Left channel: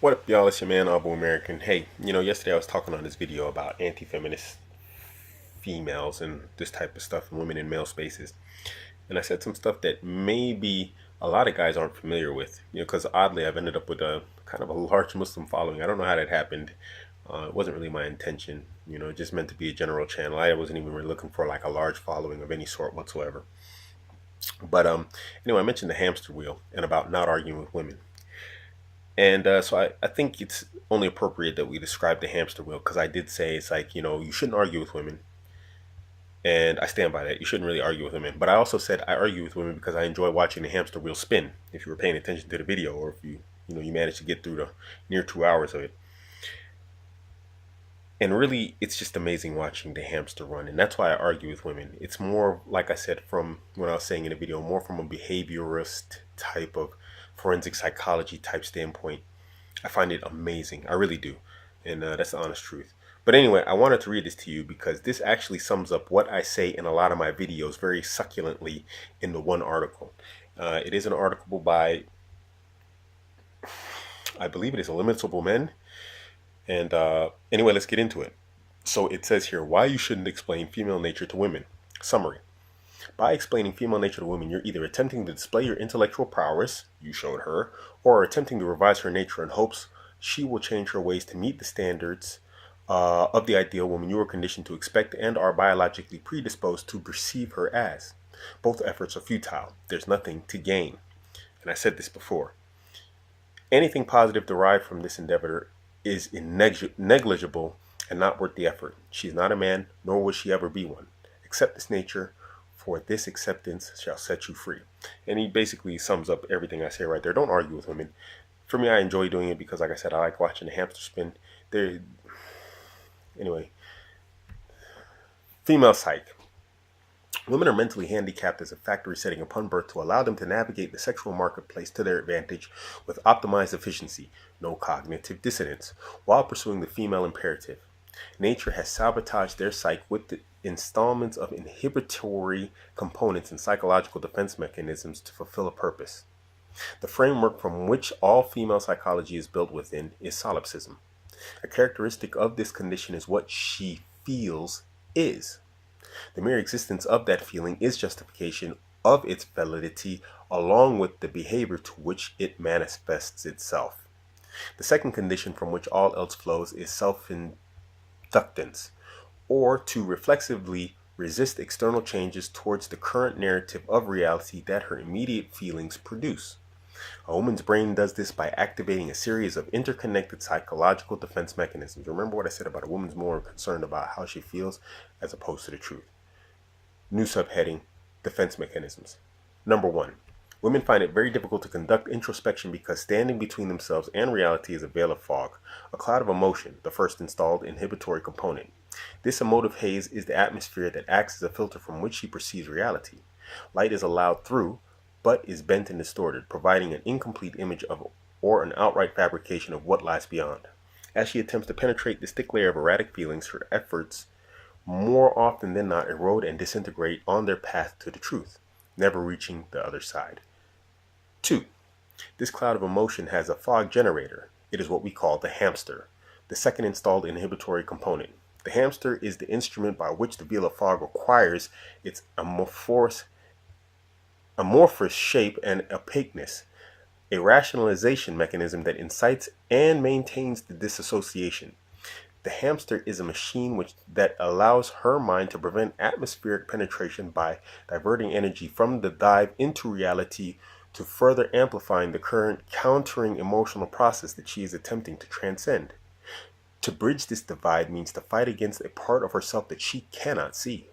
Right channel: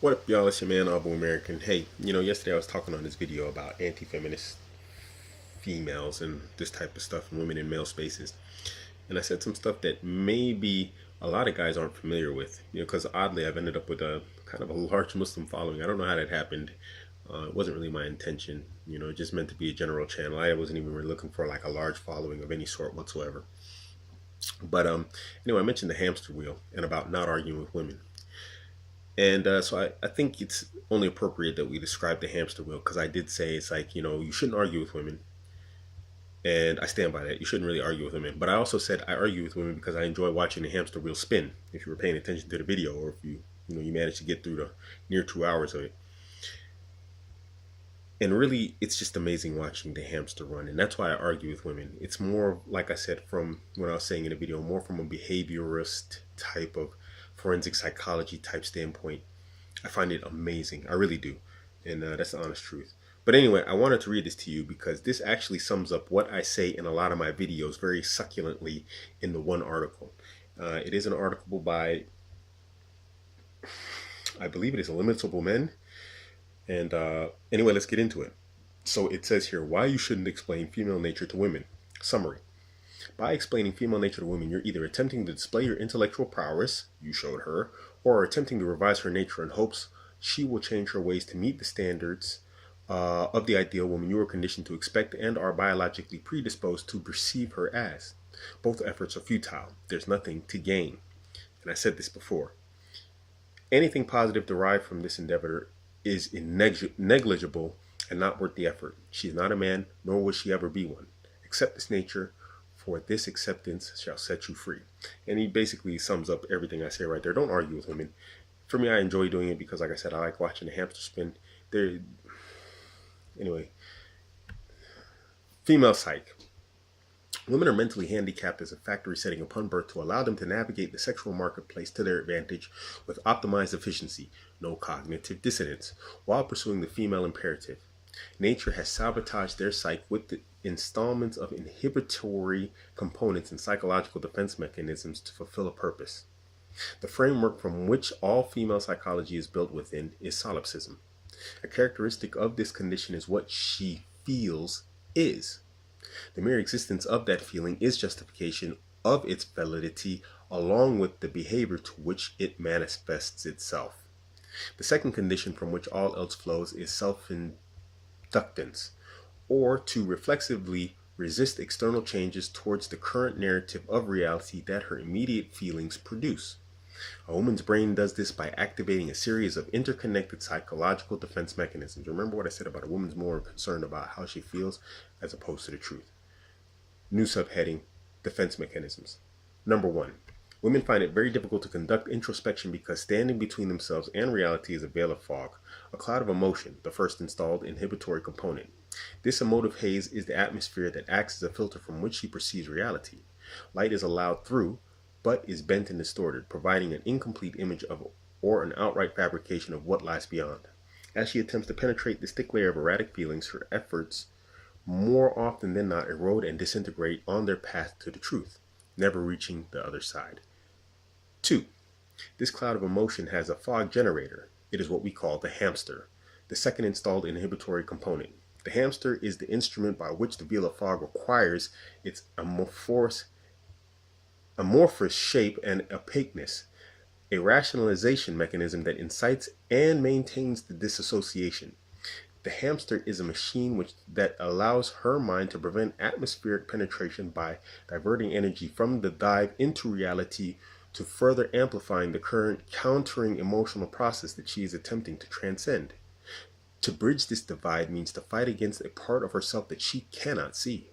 What up, y'all? It's your man, Abuamerican. Hey, yesterday I was talking on this video about anti-feminist females and this type of stuff and women in male spaces. And I said some stuff that maybe a lot of guys aren't familiar with, because oddly I've ended up with a kind of a large Muslim following. I don't know how that happened. It wasn't really my intention, it just meant to be a general channel. I wasn't even really looking for like a large following of any sort whatsoever. But anyway, I mentioned the hamster wheel and about not arguing with women. And so I think it's only appropriate that we describe the hamster wheel because I did say it's like, you shouldn't argue with women. And I stand by that. You shouldn't really argue with women. But I also said I argue with women because I enjoy watching the hamster wheel spin. If you were paying attention to the video or if you managed to get through the near 2 hours of it. And really, it's just amazing watching the hamster run. And that's why I argue with women. It's more, like I said, from what I was saying in the video, more from a behaviorist type of forensic psychology type standpoint. I find it amazing. I really do. And that's the honest truth. But anyway, I wanted to read this to you because this actually sums up what I say in a lot of my videos very succulently in the one article. It is an article by, I believe it is Illimitable Men. And anyway, let's get into it. So it says here, why you shouldn't explain female nature to women. Summary. By explaining female nature to women, you're either attempting to display your intellectual prowess, you showed her, or attempting to revise her nature in hopes she will change her ways to meet the standards of the ideal woman you are conditioned to expect and are biologically predisposed to perceive her as. Both efforts are futile. There's nothing to gain. And I said this before. Anything positive derived from this endeavor is negligible and not worth the effort. She is not a man, nor will she ever be one. Accept this nature, for this acceptance shall set you free. And he basically sums up everything I say right there. Don't argue with women. For me, I enjoy doing it because, like I said, I like watching the hamster spin. Anyway, female psych. Women are mentally handicapped as a factory setting upon birth to allow them to navigate the sexual marketplace to their advantage with optimized efficiency, no cognitive dissonance, while pursuing the female imperative. Nature has sabotaged their psyche with the installments of inhibitory components and psychological defense mechanisms to fulfill a purpose. The framework from which all female psychology is built within is solipsism. A characteristic of this condition is what she feels is. The mere existence of that feeling is justification of its validity along with the behavior to which it manifests itself. The second condition from which all else flows is self-inductance, or to reflexively resist external changes towards the current narrative of reality that her immediate feelings produce. A woman's brain does this by activating a series of interconnected psychological defense mechanisms. Remember what I said about a woman's more concerned about how she feels as opposed to the truth. New subheading, defense mechanisms. Number 1. Women find it very difficult to conduct introspection because standing between themselves and reality is a veil of fog, a cloud of emotion, the first installed inhibitory component. This emotive haze is the atmosphere that acts as a filter from which she perceives reality. Light is allowed through, but is bent and distorted, providing an incomplete image of or an outright fabrication of what lies beyond. As she attempts to penetrate this thick layer of erratic feelings, her efforts more often than not erode and disintegrate on their path to the truth, never reaching the other side. 2. This cloud of emotion has a fog generator. It is what we call the hamster, the second installed inhibitory component. The hamster is the instrument by which the veil of fog acquires its amorphous shape and opaqueness, a rationalization mechanism that incites and maintains the disassociation. The hamster is a machine that allows her mind to prevent atmospheric penetration by diverting energy from the dive into reality to further amplifying the current countering emotional process that she is attempting to transcend. To bridge this divide means to fight against a part of herself that she cannot see.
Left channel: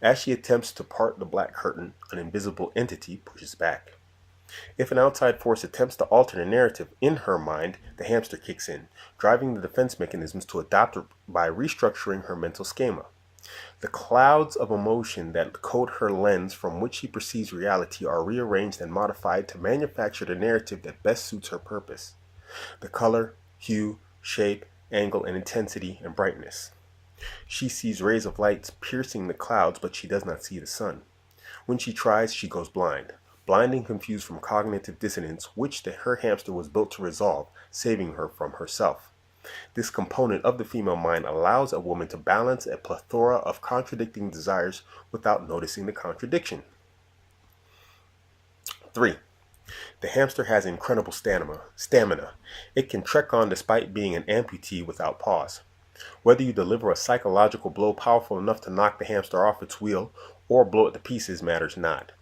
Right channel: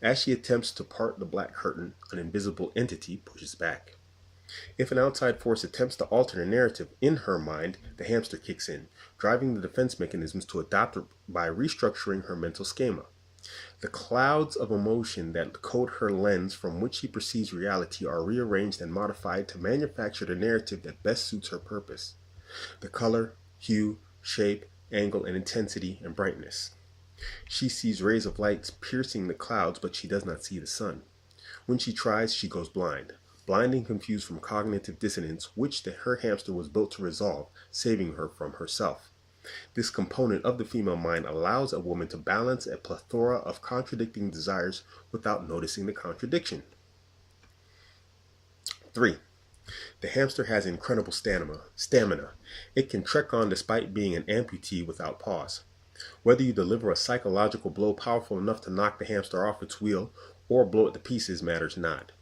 As she attempts to part the black curtain, an invisible entity pushes back. If an outside force attempts to alter the narrative in her mind, the hamster kicks in, driving the defense mechanisms to adapt by restructuring her mental schema. The clouds of emotion that coat her lens from which she perceives reality are rearranged and modified to manufacture the narrative that best suits her purpose. The color, hue, shape, angle, and intensity and brightness. She sees rays of light piercing the clouds, but she does not see the sun. When she tries, she goes blind. blind and confused from cognitive dissonance, which her hamster was built to resolve, saving her from herself. This component of the female mind allows a woman to balance a plethora of contradicting desires without noticing the contradiction. 3. The hamster has incredible stamina. It can trek on despite being an amputee without pause. Whether you deliver a psychological blow powerful enough to knock the hamster off its wheel or blow it to pieces matters not.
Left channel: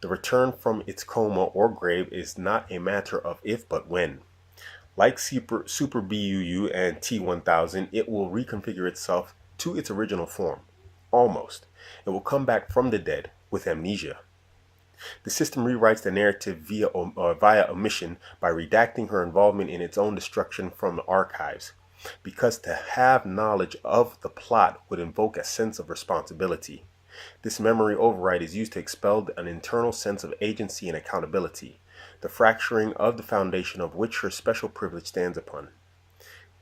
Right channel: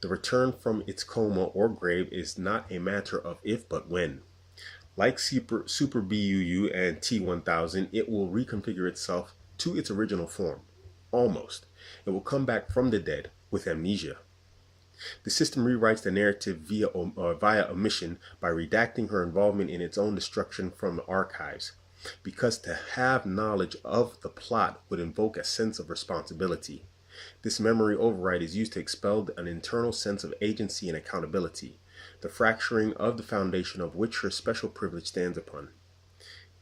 The return from its coma or grave is not a matter of if but when. Like Super BUU and T1000, it will reconfigure itself to its original form. Almost. It will come back from the dead with amnesia. The system rewrites the narrative via omission by redacting her involvement in its own destruction from the archives, because to have knowledge of the plot would invoke a sense of responsibility. This memory override is used to expel an internal sense of agency and accountability, the fracturing of the foundation of which her special privilege stands upon.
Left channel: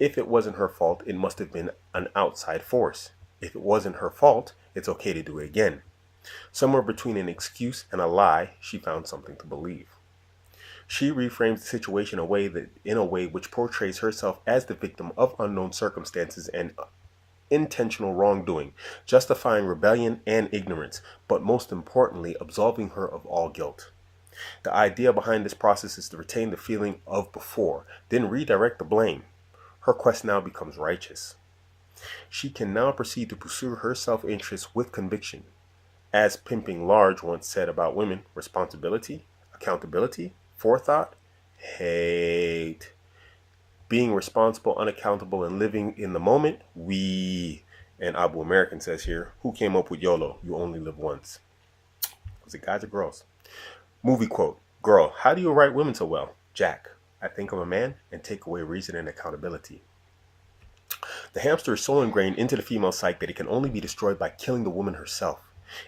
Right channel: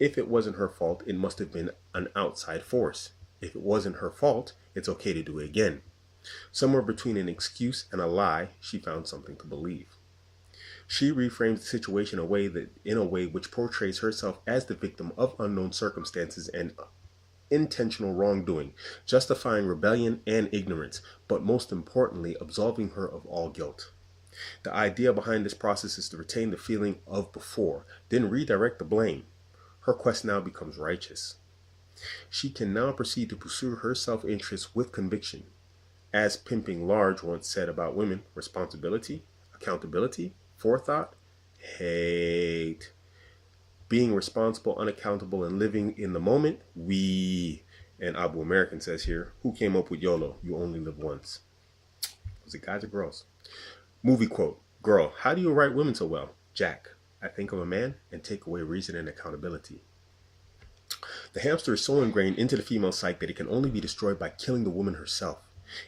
If it wasn't her fault, it must have been an outside force. If it wasn't her fault, it's okay to do it again. Somewhere between an excuse and a lie, she found something to believe. She reframes the situation in a way which portrays herself as the victim of unknown circumstances and intentional wrongdoing, justifying rebellion and ignorance, but most importantly, absolving her of all guilt. The idea behind this process is to retain the feeling of before, then redirect the blame. Her quest now becomes righteous. She can now proceed to pursue her self-interest with conviction. As Pimping Large once said about women, responsibility, accountability, forethought, hate. Being responsible, unaccountable, and living in the moment, and Abuamerican says here, who came up with YOLO? You only live once. Was it guys or girls? Movie quote, girl, how do you write women so well? Jack, I think I'm a man and take away reason and accountability. The hamster is so ingrained into the female psyche that it can only be destroyed by killing the woman herself.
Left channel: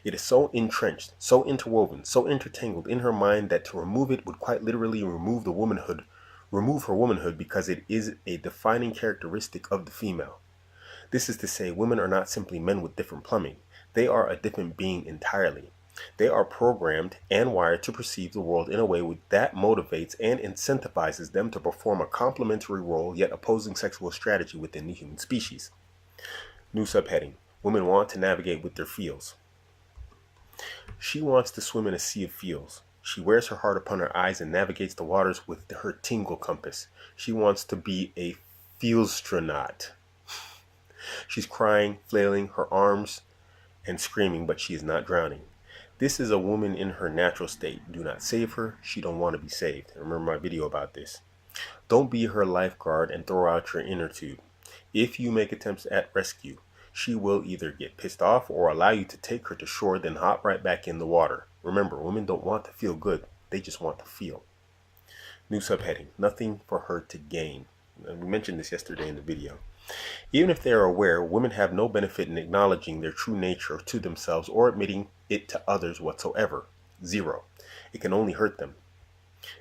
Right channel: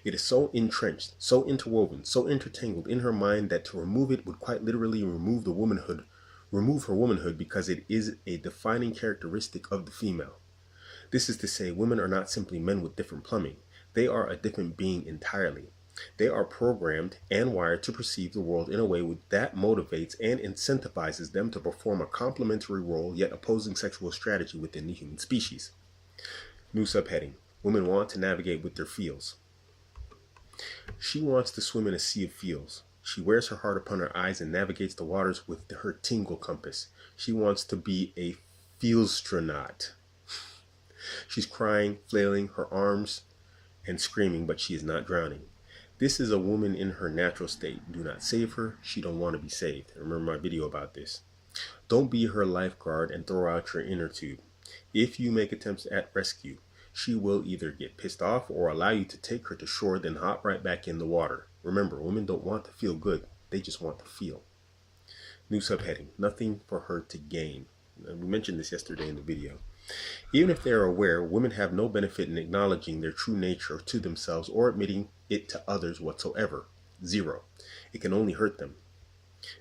It is so entrenched, so interwoven, so intertangled in her mind that to remove it would quite literally remove her womanhood because it is a defining characteristic of the female. This is to say, women are not simply men with different plumbing. They are a different being entirely. They are programmed and wired to perceive the world in a way that motivates and incentivizes them to perform a complementary role yet opposing sexual strategy within the human species. New subheading, women want to navigate with their feels. She wants to swim in a sea of feels. She wears her heart upon her eyes and navigates the waters with her tingle compass. She wants to be a feelstronaut. She's crying, flailing her arms, and screaming, but she is not drowning. This is a woman in her natural state. Do not save her. She don't want to be saved. Remember my video about this. Don't be her lifeguard and throw out your inner tube. If you make attempts at rescue, she will either get pissed off or allow you to take her to shore, then hop right back in the water. Remember, women don't want to feel good. They just want to feel. New subheading, nothing for her to gain. And we mentioned this yesterday in the video. Even if they are aware, women have no benefit in acknowledging their true nature to themselves or admitting it to others whatsoever. Zero. It can only hurt them.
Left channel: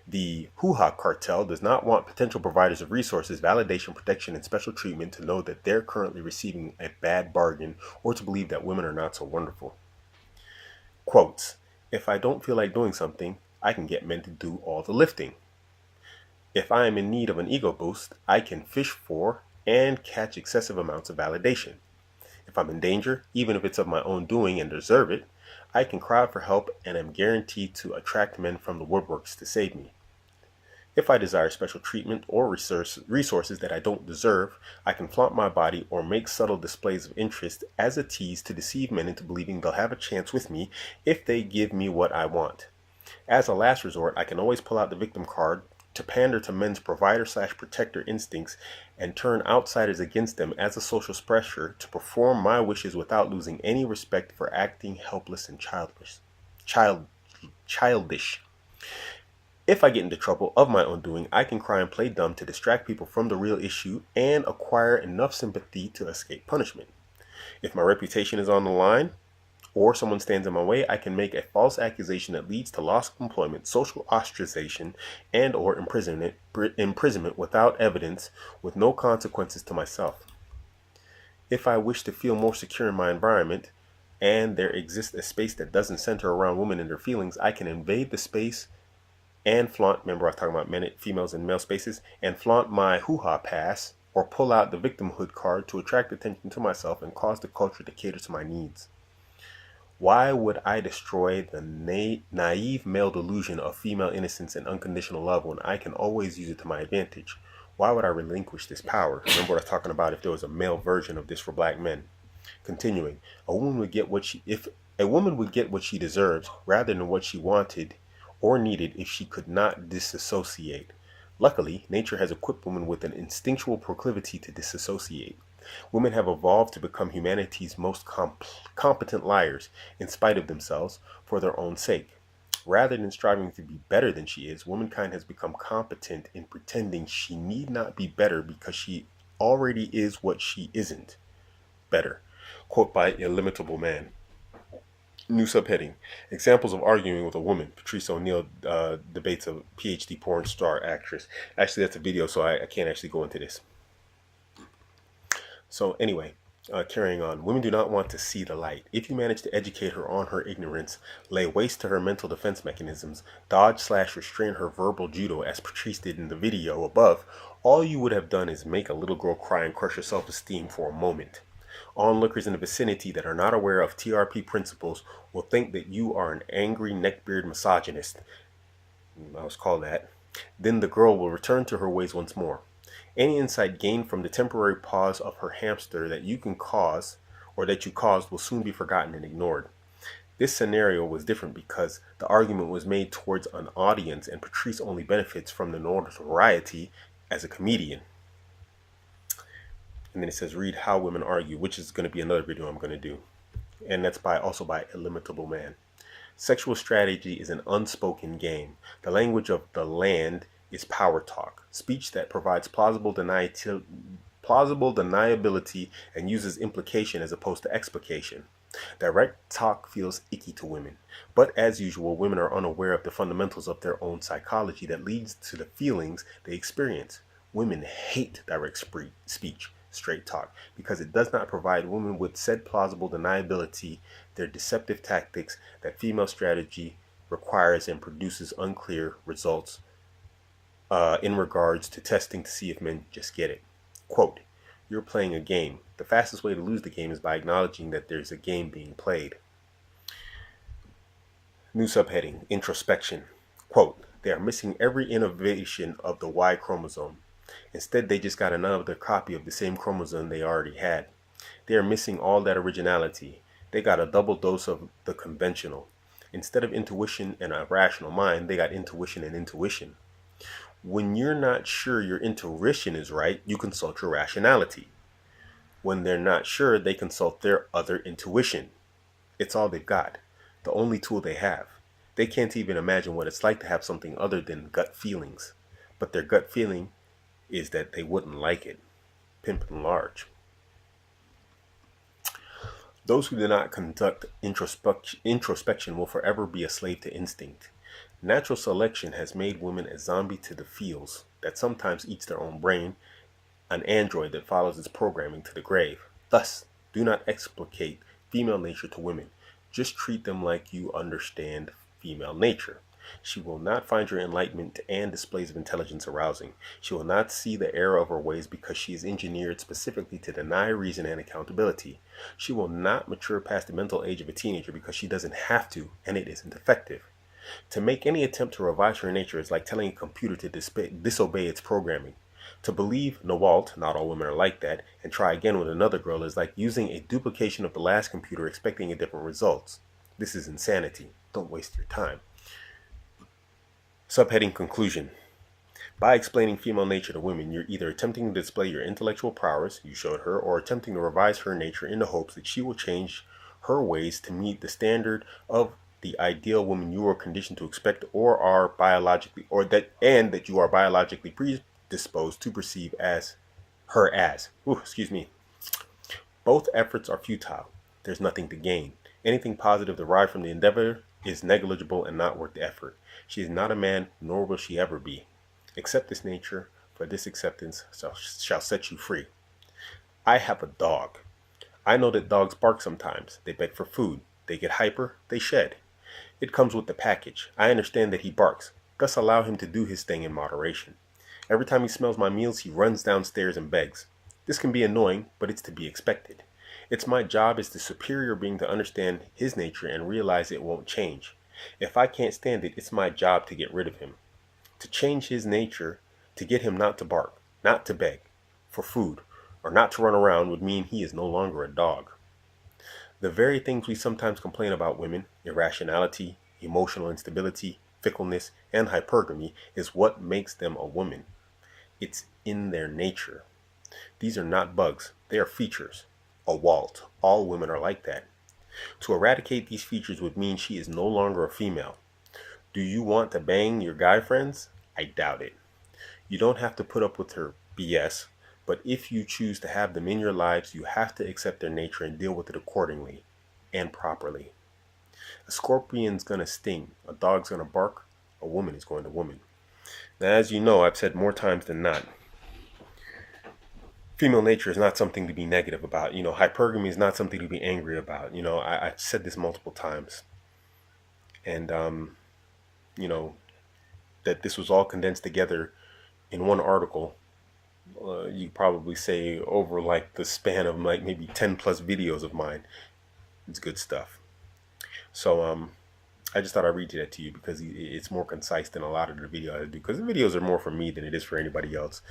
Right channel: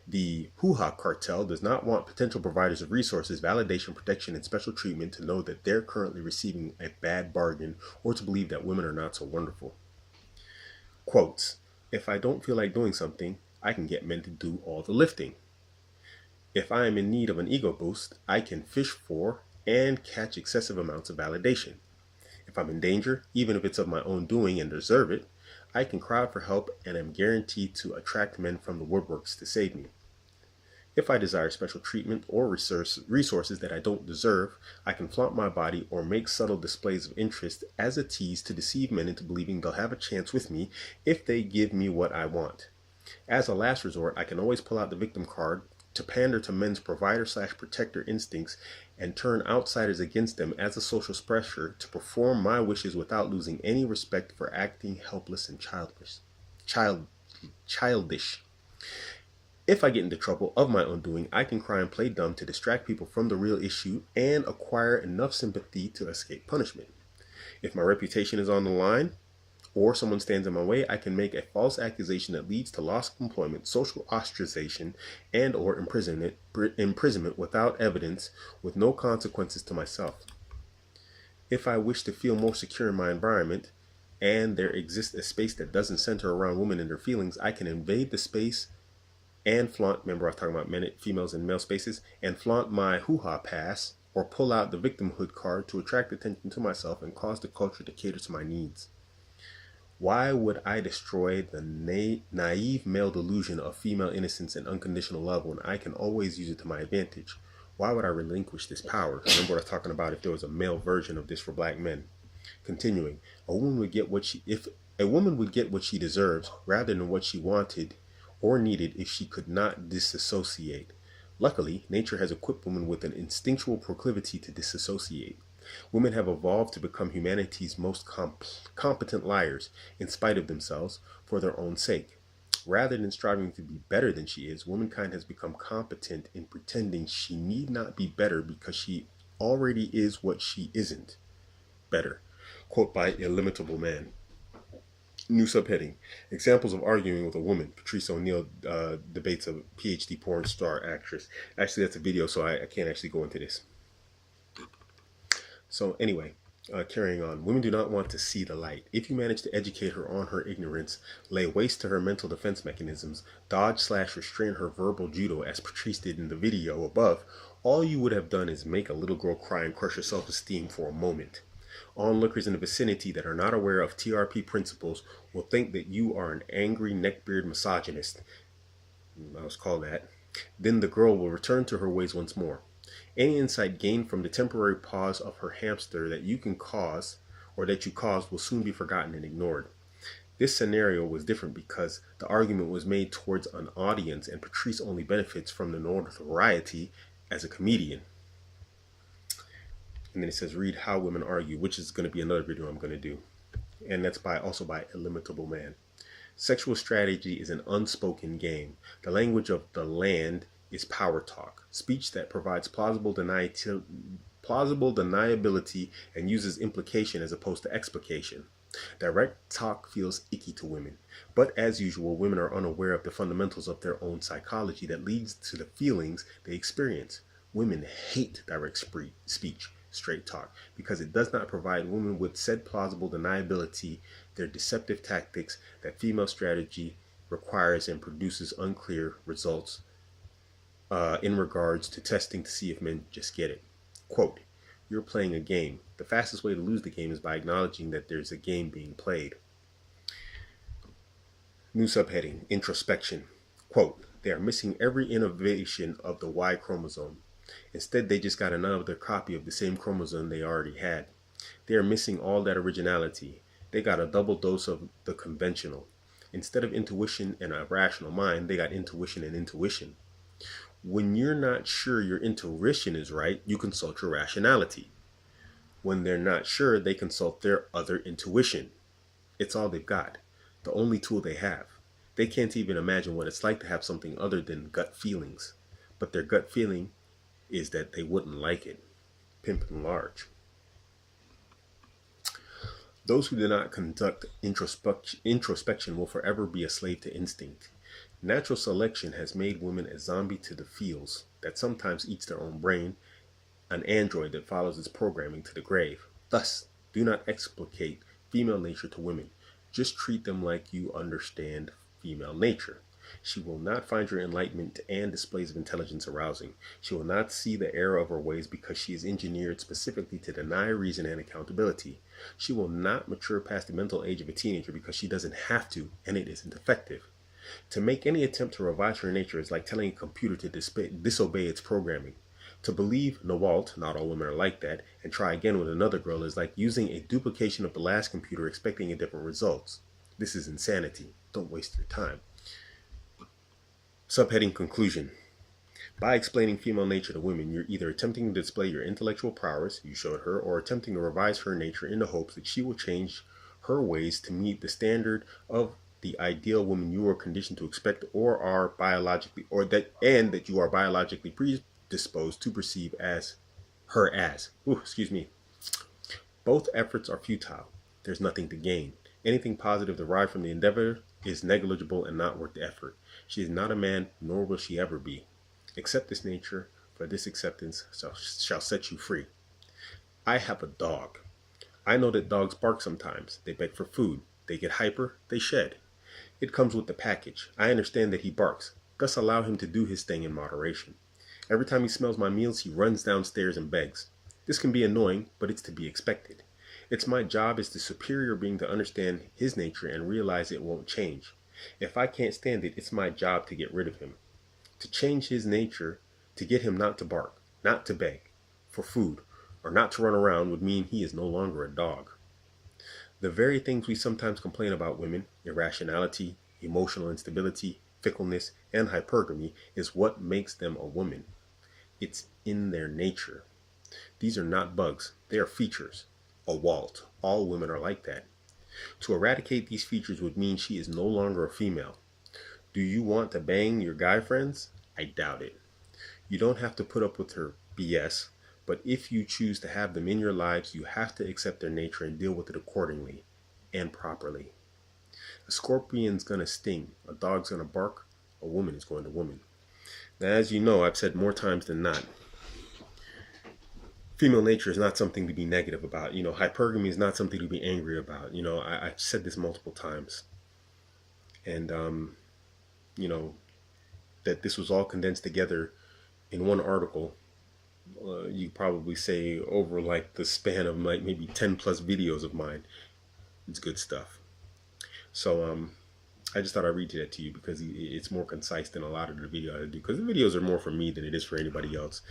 The hoo-ha cartel does not want potential providers of resources, validation, protection, and special treatment to know that they're currently receiving a bad bargain or to believe that women are not so wonderful. Quotes, if I don't feel like doing something, I can get men to do all the lifting. If I am in need of an ego boost, I can fish for and catch excessive amounts of validation. If I'm in danger, even if it's of my own doing and deserve it, I can cry out for help and am guaranteed to attract men from the woodworks to save me. If I desire special treatment or resources that I don't deserve, I can flaunt my body or make subtle displays of interest as a tease to deceive men into believing they'll have a chance with me if they give me what I want. As a last resort, I can always pull out the victim card to pander to men's provider/protector instincts and turn outsiders against them as a social pressure to perform my wishes without losing any respect for acting helpless and childish. If I get into trouble of my own doing, I can cry and play dumb to distract people from the real issue and acquire enough sympathy to escape punishment. If my reputation is on the line, or someone stands in my way, I can make a false accusation that leads to loss of employment, social ostracization, and or imprisonment without evidence, with no consequences to myself. If I wish to feel more secure in my environment and there exists a space that doesn't center around women and their feelings, I can invade the space and flaunt, remember I was talking about men, females and male spaces, and flaunt my hoo-ha pass or pull out the victimhood card to attract attention to myself and cause the culture to cater to my needs. Why would I destroy the naive male delusion of female innocence and unconditional love when I can always use it to my advantage? Why would I relinquish this power? Remember what I was talking about if there was a male version of this for black men. Continuing, a woman would get what she deserves rather than what she wanted or needed if she could not disassociate. Luckily, nature has equipped women with an instinctual proclivity to disassociate. Women have evolved to become humanity's most competent liars, in spite of themselves, for their own sake. Rather than striving to be better than she is, womankind has become competent in pretending she need not be better because she already is what she isn't. Better. Quote by Illimitable Man. New subheading. Examples of arguing with a woman. Patrice O'Neal debates a PhD porn star actress. Actually, that's a video, so I can't actually go into this. So anyway, carrying on. Women do not want to see the light. If you manage to educate her on her ignorance, lay waste to her mental defense mechanisms, dodge/restrain her verbal judo as Patrice did in the video above, all you would have done is make a little girl cry and crush her self-esteem for a moment. Onlookers in the vicinity that are not aware of TRP principles will think that you are an angry neckbeard misogynist. I was called that. Then the girl will return to her ways once more. Any insight gained from the temporary pause of her hamster that you caused will soon be forgotten and ignored. This scenario was different because the argument was made towards an audience and Patrice only benefits from the notoriety as a comedian. And then it says, read How Women Argue, which is going to be another video I'm going to do. And that's also by Illimitable Man. Sexual strategy is an unspoken game. The language of the land is power talk, speech that provides plausible deniability and uses implication as opposed to explication. Direct talk feels icky to women, but as usual, women are unaware of the fundamentals of their own psychology that leads to the feelings they experience. Women hate direct speech, straight talk, because it does not provide women with said plausible deniability, their deceptive tactics that female strategy requires and produces unclear results in regards to testing to see if men just get it. Quote, you're playing a game. The fastest way to lose the game is by acknowledging that there's a game being played. New subheading, introspection. Quote, they are missing every innovation of the Y chromosome. Instead, they just got another copy of the same chromosome they already had. They are missing all that originality. They got a double dose of the conventional. Instead of intuition and a rational mind, they got intuition and intuition. When you're not sure your intuition is right, you consult your rationality. When they're not sure, they consult their other intuition. It's all they've got, the only tool they have. They can't even imagine what it's like to have something other than gut feelings. But their gut feeling is that they wouldn't like it. Pimp and large. Those who do not conduct introspection will forever be a slave to instinct. Natural selection has made women a zombie to the feels that sometimes eats their own brain, an android that follows its programming to the grave. Thus, do not explicate female nature to women. Just treat them like you understand female nature. She will not find your enlightenment and displays of intelligence arousing. She will not see the error of her ways because she is engineered specifically to deny reason and accountability. She will not mature past the mental age of a teenager because she doesn't have to, and it isn't effective. To make any attempt to revise her nature is like telling a computer to disobey its programming. To believe Nawalt, not all women are like that, and try again with another girl is like using a duplication of the last computer expecting a different results. This is insanity. Don't waste your time. Subheading Conclusion. By explaining female nature to women, you're either attempting to display your intellectual prowess you showed her, or attempting to revise her nature in the hopes that she will change her ways to meet the standard of the ideal woman you are conditioned to expect or are biologically that you are biologically predisposed to perceive her as. Both efforts are futile. There's nothing to gain. Anything positive derived from the endeavor is negligible and not worth the effort. She is not a man, nor will she ever be. Accept this nature, for this acceptance shall set you free. I have a dog. I know that dogs bark sometimes. They beg for food. They get hyper. They shed. It comes with the package. I understand that he barks. Thus allow him to do his thing in moderation. Every time he smells my meals, he runs downstairs and begs. This can be annoying, but it's to be expected. It's my job as the superior being to understand his nature and realize it won't change. If I can't stand it, it's my job to get rid of him. To change his nature, to get him not to bark, not to beg for food, or not to run around would mean he is no longer a dog. The very things we sometimes complain about women, irrationality, emotional instability, fickleness, and hypergamy, is what makes them a woman. It's in their nature. These are not bugs, they are features. A Walt. All women are like that. To eradicate these features would mean she is no longer a female. Do you want to bang your guy friends? I doubt it. You don't have to put up with her BS, but if you choose to have them in your lives, you have to accept their nature and deal with it accordingly and properly. A scorpion's gonna sting, a dog's gonna bark, a woman is going to woman. Now, as you know, I've said more times than not, female nature is not something to be negative about. Hypergamy is not something to be angry about. I've said this multiple times. And, that this was all condensed together in one article. You probably say over like the span of like maybe 10 plus videos of mine. It's good stuff. So, I just thought I'd read that to you because it's more concise than a lot of the videos I do. Because the videos are more for me than it is for anybody else.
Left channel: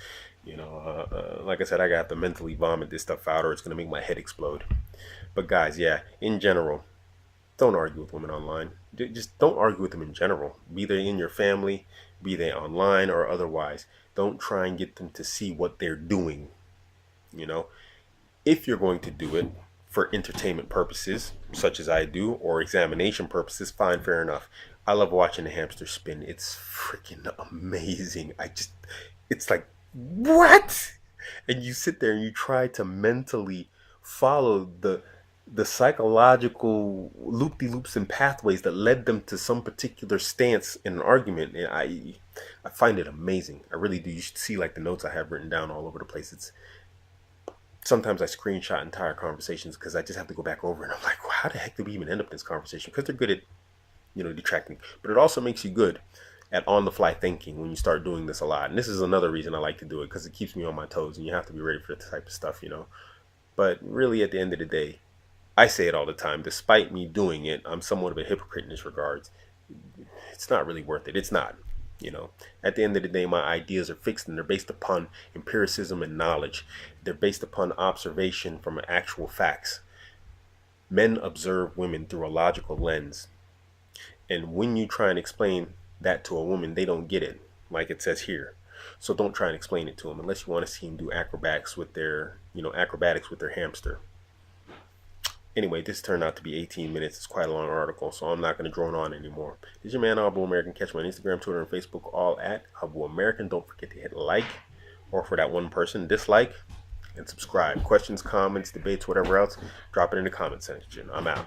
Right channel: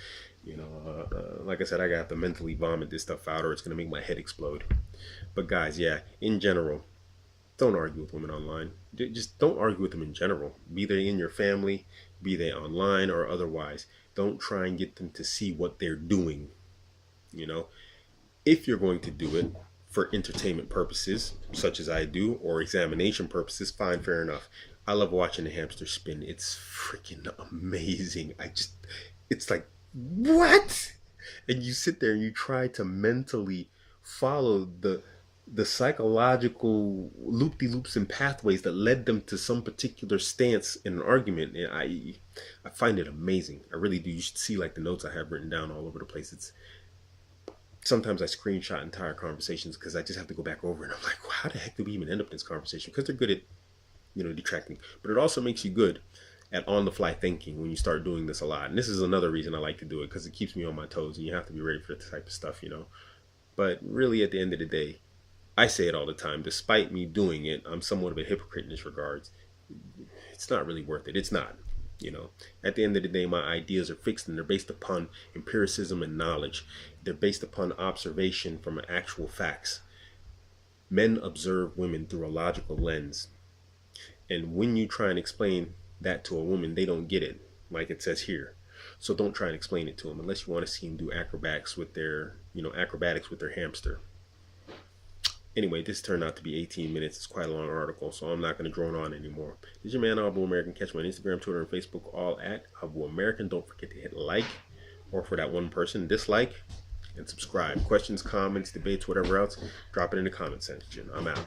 Like I said, I got to mentally vomit this stuff out or it's going to make my head explode. But guys, yeah, in general, don't argue with women online. Just don't argue with them in general. Be they in your family, be they online or otherwise. Don't try and get them to see what they're doing. If you're going to do it for entertainment purposes, such as I do, or examination purposes, fine, fair enough. I love watching the hamster spin. It's freaking amazing. It's like, what? And you sit there and you try to mentally follow the psychological loop-de-loops and pathways that led them to some particular stance in an argument. And I find it amazing. I really do. You should see like the notes I have written down all over the place. Sometimes I screenshot entire conversations because I just have to go back over and I'm like, well, how the heck did we even end up in this conversation? Because they're good at, detracting. But it also makes you good at on-the-fly thinking when you start doing this a lot. And this is another reason I like to do it because it keeps me on my toes and you have to be ready for this type of stuff, But really, at the end of the day, I say it all the time. Despite me doing it, I'm somewhat of a hypocrite in this regards. It's not really worth it. It's not. At the end of the day, my ideas are fixed and they're based upon empiricism and knowledge. They're based upon observation from actual facts. Men observe women through a logical lens. And when you try and explain that to a woman, they don't get it, like it says here. So don't try and explain it to them unless you want to see them do acrobatics with their hamster. Anyway, this turned out to be 18 minutes. It's quite a long article, so I'm not going to drone on anymore. This is your man, Abuamerican. Catch me on Instagram, Twitter, and Facebook, all at Abuamerican. Don't forget to hit like, or for that one person, dislike, and subscribe. Questions, comments, debates, whatever else, drop it in the comment section. I'm out.